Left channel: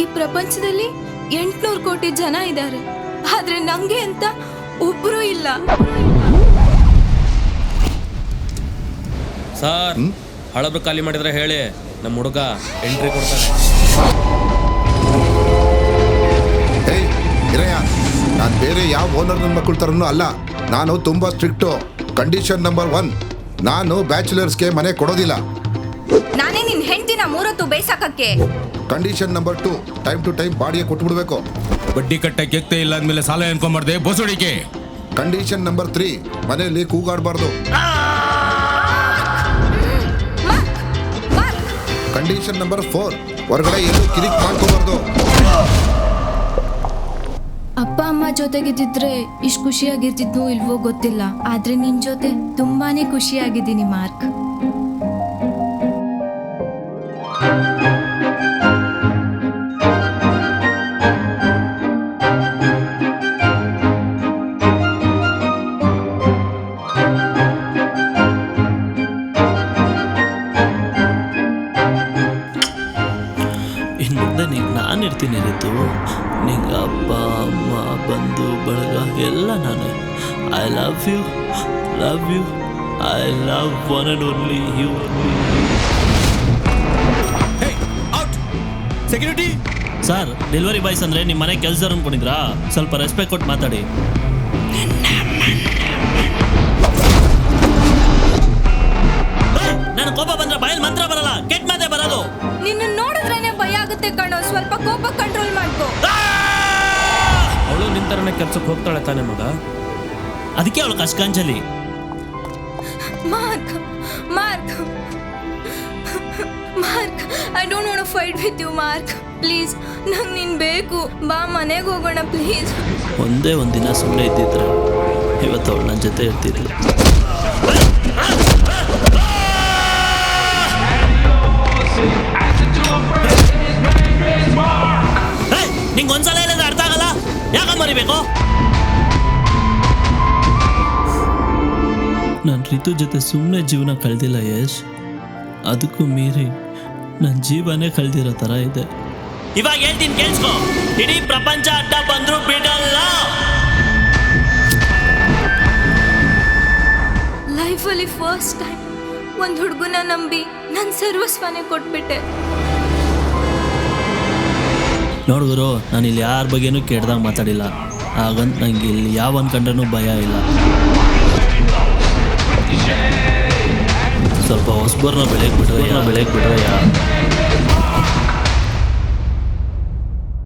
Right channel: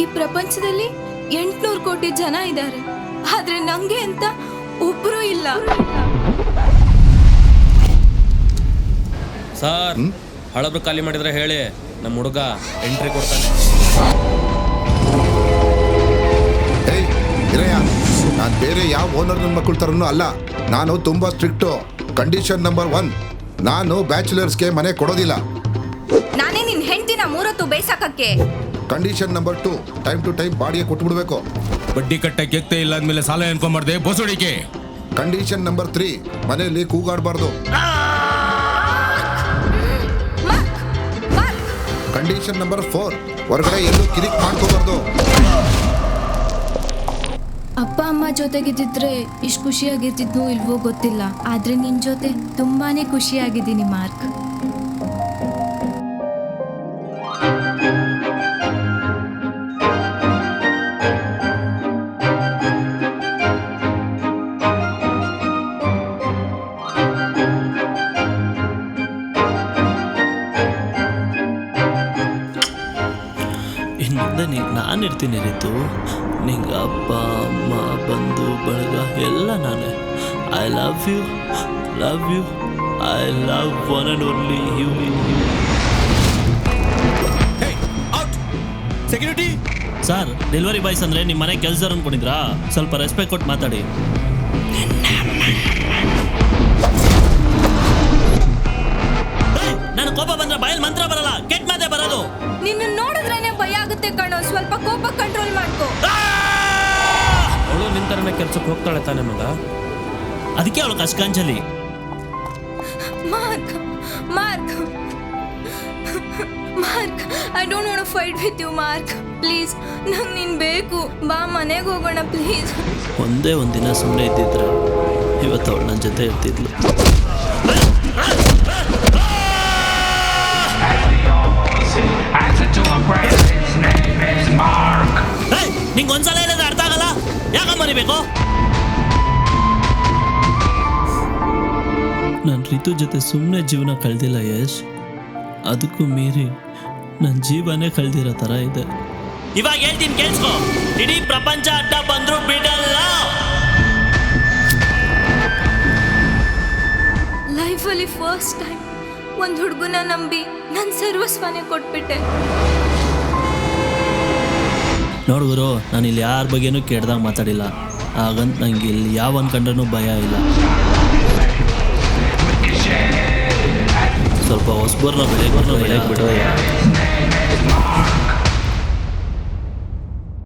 ಈ ಪ್ರಪಂಚದಲ್ಲಿ 800 ಕೋಟಿ ಜನ ಇದ್ದಾರೆ, ಆದ್ರೆ ನಂಗೆ ಅಂತ ಒಬ್ರು ಇಲ್ಲ. ಸರ್, ಹಳಬ್ರು ಖಾಲಿ ಮಾಡಿದ್ರೆ ಹೇಳಿ, ನಮ್ಮ ಹುಡುಗ ಎಂಟ್ರಿ ಕೊಡ್ತಾನೆ. ಏಯ್ ಇರಯ್ಯ, ನಾನು ಬೇರೆ ಯಾವ ಓನರ್ ನನ್ನ ಮಕ್ಕಳ ಥರನೂ ಅಲ್ಲ. ನಾನು ತುಂಬ ಸ್ಟ್ರಿಕ್ಟು. ಕಂಡೀಷನ್ ನಂಬರ್ 1, ನಾನು ಬ್ಯಾಚುಲರ್ಸ್ಗೆ ಮನೆ ಕೊಡೋದಿಲ್ಲ. ನಾನೇ ನಿನ್ ಹೆಂಡತಿನ 3 ಹೊತ್ತು ಬೇಯಿಸಕ್ಕೆ. Condition number 2, time to time ಬಾಡಿಗೆ ಕೊಟ್ಬಿಡ್ಬೇಕು. ಬಡ್ಡಿ ಕಟ್ಟಕ್ಕೆ ಎಕ್ತೆ ಇಲ್ಲ ಅಂದ್ಮೇಲೆ ಸಾಲ ಅನ್ಕೊಂಬಾರ್ದೆ ಬೋಸೋಡಿಕೆ. ಕಂಡೀಷನ್ ನಂಬರ್ 3, ಮನೆಯಲ್ಲಿ ಕೂಗಾಡಬಾರ್ದು. ಕಂಡೀಷನ್ ನಂಬರ್ 4, ಹೊರಗಡೆ ಎಲ್ಲೂ ಕಿರಿಕ್ ಮಾಡ್ಕೋಬಾರ್ದು. ಅಪ್ಪ ಅಮ್ಮ ಜೊತೆಗಿದ್ದಿದ್ರೆ ಇಷ್ಟು ಖುಷಿಯಾಗಿರ್ತಿದ್ನೋ ಇಲ್ವೋ ಗೊತ್ತಿಲ್ಲ, ಆದ್ರೆ ನಿನ್ ಜೊತೆ ತುಂಬಾನೇ ಖುಷಿಯಾಗಿದ್ದೀನಿ ಮಾರ್ಕ್. ಇನ್ನು ಮುಂದೆ ನಾನು ಇರ್ತೀನಿ ರೀತು. ನಿಂಗೆ ಅಪ್ಪ ಅಮ್ಮ ಬಂಧು ಬಳಗ ಎಲ್ಲ ನಾನೇ. I love you, I love one and only you. Security sir, delivery boys ಅಂದರೆ ನಿಮ್ಮ ಮನೆ ಕೆಲಸದವ್ರು ಅನ್ಕೊಂಡಿದ್ರಾ? ಸ್ವಲ್ಪ ರೆಸ್ಪೆಕ್ಟ್ ಕೊಟ್ಟು ಮಾತಾಡಿ. ನಾನು ಕೋಪ ಬಂದ್ರೆ ಬಾಯಲ್ಲಿ ಮಂತ್ರ ಬರಲ್ಲ, ಕೆಟ್ಟ ಮಾತೆ ಬರೋದು. ನಿನ್ನ ನೋಡಿದ್ರೇನೆ ಭಯ ಆಗುತ್ತೆ ಕಣೋ, ಸ್ವಲ್ಪ ಕೋಪ ಕಂಟ್ರೋಲ್ ಮಾಡ್ಕೋ. ಅವಳು ನಿಂತರನೇ ಕೆಲ್ಸಕ್ಕೆ ಹೋಗ್ತಾಳೆ ತಾನೆ ಮಗ, ಅದಕ್ಕೆ ಅವಳು ಕಷ್ಕಾಂಜಲಿ. Mark Mark Mark, I don't want to fight with you Mark. Please, ನಂಗೆ ನೀನು ಬೇಕು. ಬಾ ಮನೆಗೆ ಹೋಗೋಣ ಪ್ಲೀಸ್. ಒಂದೇ ಒಂದಿನ ಸುಮ್ಮನೆ ಇದ್ದಿದ್ರೆ ಇವತ್ತು ಅವಳು ನನ್ನ ಜೊತೆ ಇರ್ತಿದ್ಲು. ನಿಂಗೆ ಒಂದ್ಸಲ ಹೇಳಿದ್ರೆ ಅರ್ಥ ಆಗಲ್ಲ, ಯಾಕ ಮರಿಬೇಕು? ನಾನು ರಿತು ಜೊತೆ ಸುಮ್ಮನೆ ಜೀವನ ಕಳೆದಿಲ್ಲ ಯಶ್, ಅದಕ್ಕೂ ಮೀರಿ ನನ್ನ ಜೀವನೇ ಕಳೆದಿರೋ ಥರ ಇದೆ. ಇವಾಗ ಹೇಳ್ತೀನಿ ಕೇಳಿಸ್ಕೊ, ಇಡೀ ಪ್ರಪಂಚ ಅಡ್ಡ ಬಂದ್ರು ಬಿಡಲ್ಲ. ಲೈಫಲ್ಲಿ ಫಸ್ಟ್ ಟೈಮ್ ಒಂದು ಹುಡುಗನ ನಂಬಿ ನನ್ನ ಸರ್ವಸ್ವನೇ ಕೊಟ್ಬಿಟ್ಟೆ. ನೋಡುಗರು, ನಾನು ಇಲ್ಲಿ ಯಾರ ಬಗ್ಗೆನೂ ಕೆಡ್ದಾಗ ಮಾತಾಡಿಲ್ಲ, ಹಾಗಂತ ನಂಗೆ ಇಲ್ಲಿ ಯಾವ ಅನ್ಕೊಂಡ್ರೂ ಭಯ ಇಲ್ಲ. ಸ್ವಲ್ಪ ಹೊಸಬರ್ನ ಬೆಳೆಗೆ ಬಿಟ್ರೆ